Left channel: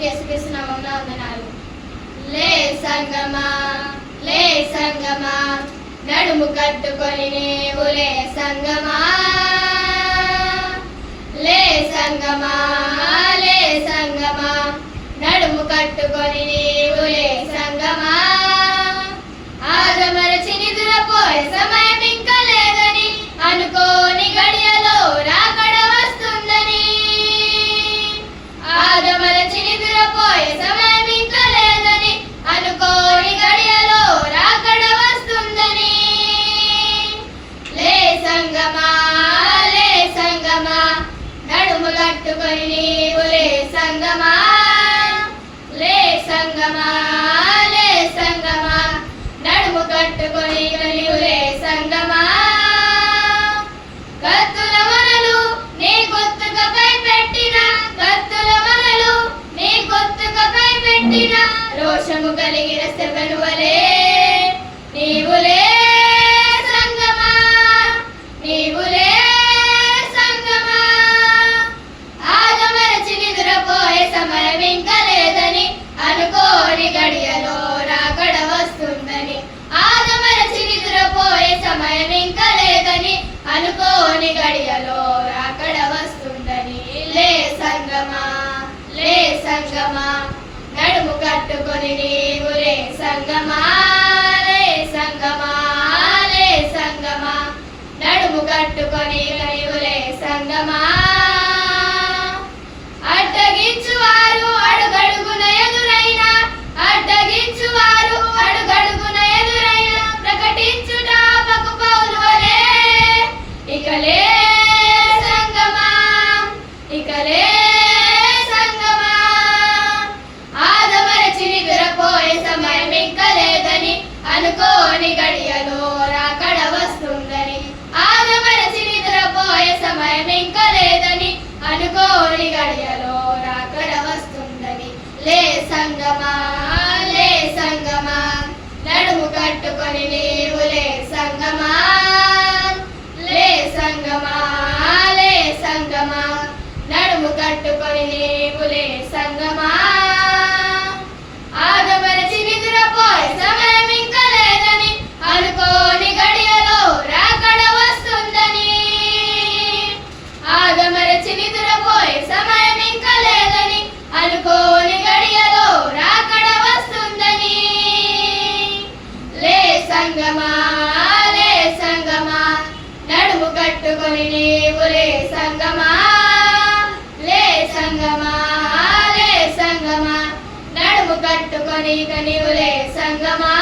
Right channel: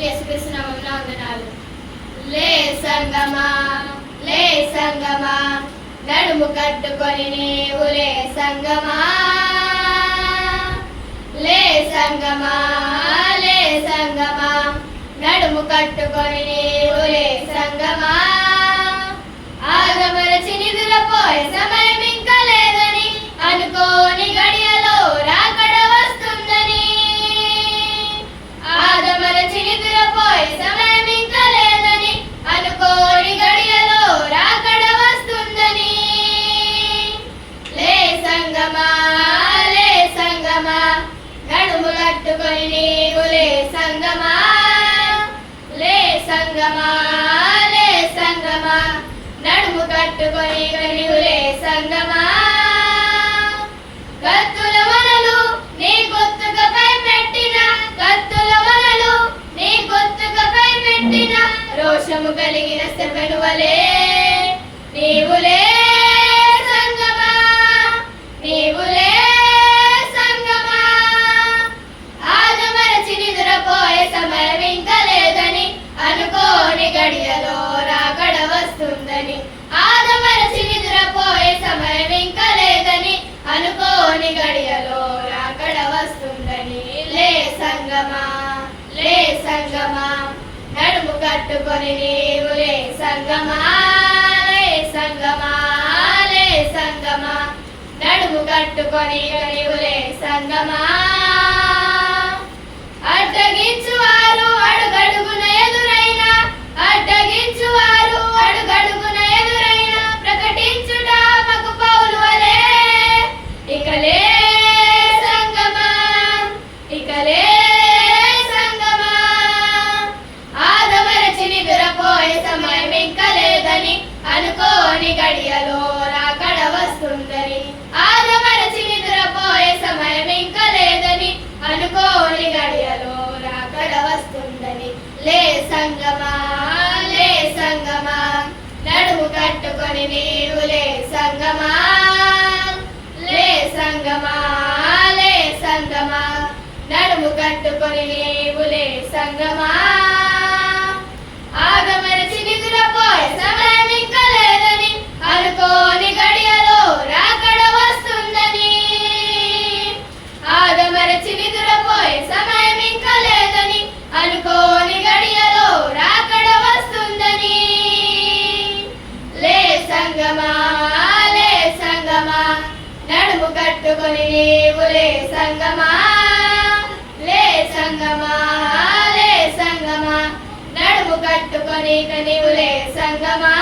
అందరికీ యేసుక్రీస్తు నామములో వందనాలు. లే సంగమా, లే సంగమా, నడుము కట్టుకొని నీవు లే సంగమా, లే సంగమా, లే సంగమా, నడుము కట్టుకొని నీవు లే సంగమా. ఆదమరచి నిదురపోయే సమయం ఇంకా లేదని, అనుకోని గడియలో రాకడ వస్తుందని. ఆదమరచి నిదురపోయే సమయం ఇంకా లేదని, అనుకోని గడియలో రాకడ వస్తుందని. లే సంగమా, లే సంగమా, నడుము కట్టుకొని నీవు లే సంగమా, లే సంగమా, లే సంగమా, నడుము కట్టుకొని నీవు లే సంగమా. కత్తుల వలలు నీ గొంతుకపై పెట్టిన, కత్తుల వలలు నీ గొంతుకపై పెట్టిన, రోషము కలిగిన స్తెఫెను వలె నీవు లే సంగమా, నీవు లే సంగమా. ఆదమరచి నిదురపోయే సమయం ఇంకా లేదని, అనుకోని గడియలో రాకడ వస్తుందని. ఆదమరచి నిదురపోయే సమయం ఇంకా లేదని, అనుకోని గడియలో రాకడ వస్తుందని. లే సంగమా, లే సంగమా, నడుము కట్టుకొని నీవు లే సంగమా, లే సంగమా, లే సంగమా, నడుము కట్టుకొని నీవు లే సంగమా. అడ్డగించువారు అడుగడుగున ఎదురైనా, అడ్డగించువారు అడుగడుగున ఎదురైనా, ప్రకటించుట పకు పౌలు వలె ఇక లే సంగమా, ఇక లే సంగమా. ఆదమరచి నిదురపోయే సమయం ఇంకా లేదని, అనుకోని గడియలో రాకడ వస్తుందని. ఆదమరచి నిదురపోయే సమయం ఇంకా లేదని, అనుకోని గడియలో రాకడ వస్తుందని. లే సంగమా, లే సంగమా, నడుము కట్టుకొని నీవు లే సంగమా, లే సంగమా, లే సంగమా, నడుము కట్టుకొని నీవు లే సంగమా. ఆదమరచి నిదురపోయే సమయం ఇంకా లేదని, అనుకోని గడియలో రాకడ వస్తుందని. ఆదమరచి నిదురపోయే సమయం ఇంకా లేదని, అనుకోని గడియలో రాకడ వస్తుందని. లే సంగమా, లే సంగమా, నడుము కట్టుకొని నీవు లే సంగమా, లే సంగమా, లే సంగమా, నడుము కట్టుకొని నీవు లే సంగమా.